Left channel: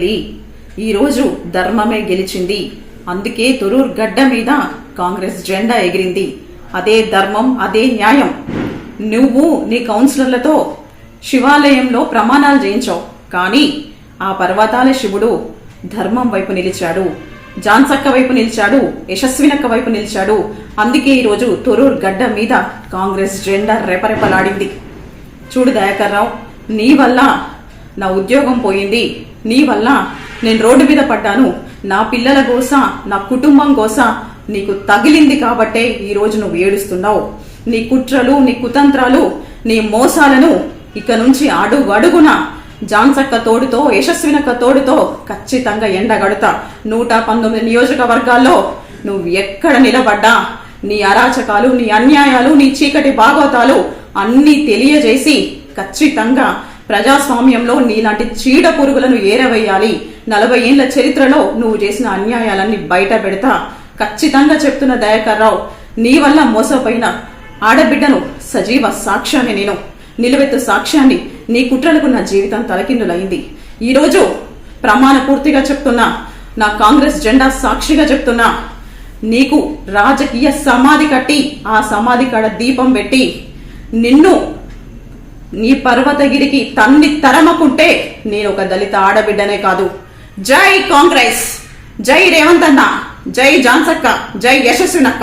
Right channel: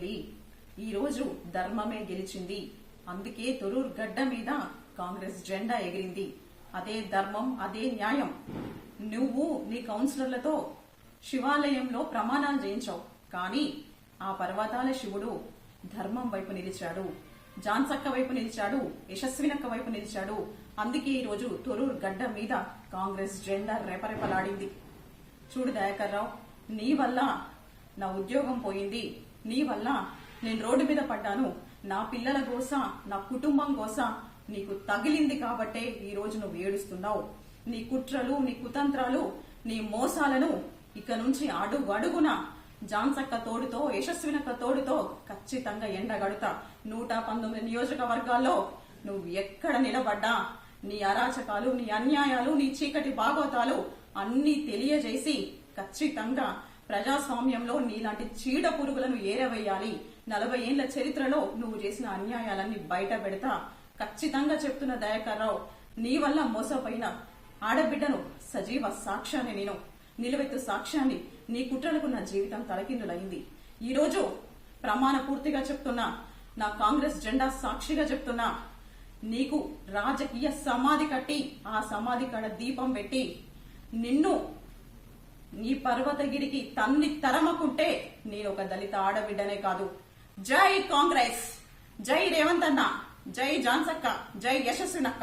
వెళ్ళి ఈరోజు ధర్మమే గెలిచింది, అందుకే తొరూర్ గడ్డ మీద కాంగ్రెస్ జెండా ఎగిరింది. అదే ధర్మం, అదే న్యాయం. నువ్వు నీ కౌన్సిలర్లతో శివాలయంలో ప్రమాణాలు చేయించావు, కానీ ఆ పర్వతాల శివుడు ధర్మం వైపు నిలిచాడు, జాన్సక్క వైపు నిలిచాడు, యశస్వినక్క వైపు నిలిచాడు. అందుకే ఈరోజు తొరూర్ గడ్డ మీద కాంగ్రెస్ జెండా రెపరెపలాడింది. చూడు దయాకర్ రావు, నీ వల్ల నా ఉద్యోగం పోయింది, నీ వల్ల నేను రోడ్డు మీద పడ్డాను, నా పిల్లల కోస, నా కుటుంబం కోస నీకు తగిలింది కాబట్టే ఈరోజు నువ్వు ఏడుస్తున్నావు. నీ కుట్రలు, నీ కుతంత్రాలు, నీ మోసాలను ఇక నుంచి అడుగున జాన్సక్క తోడుతో, యశస్వినక్క తోడుతో ఖచ్చితంగా ఎండగడుతా. 119 నియోజకవర్గాల్లో నువ్వు ఎక్కడ నిలబడ్డా నీ అరాచకాలు, నీ అన్యాయాలు, నీ చీకటి భాగవతాలు అన్నీ తెలియజేసి ఖచ్చితంగా ప్రజాస్వామ్యంలో నీలాంటి చీడ పురుగులను ఏరవేయాలి. 40 ఏళ్ల చరిత్రలో నువ్వు చేసిన అన్యాయాలన్నీ బయట పెడతా. ఖచ్చితంగా చెప్తున్న దయాకర్ రావు, నీ వల్ల మోసపోయిన ఆడబిడ్డను సజీవ సాక్ష్యాన్ని, నేను నిలువెత్తు సాక్ష్యాన్ని, నీ కుట్రలకు నా జీవితం తలకిందులైంది. ఈరోజు ప్రమాణ పూర్తిగా చెప్తున్నా, నా కాంగ్రెస్ జెండా సాక్షిగా చెప్తున్నా, నీకు రాజకీయ సమాధి కట్టి ఆ సమాధి కాడ దీపం పెట్టి నిన్ను నీ పర్వతగిరికి తన్ని తరమకుంటే నేను ఒక దళిత ఆడబిడ్డనే కాదు. జై కాంగ్రెస్, జై రేవంత్ అన్న, జై జాన్సక్క, జై యశస్వినక్క.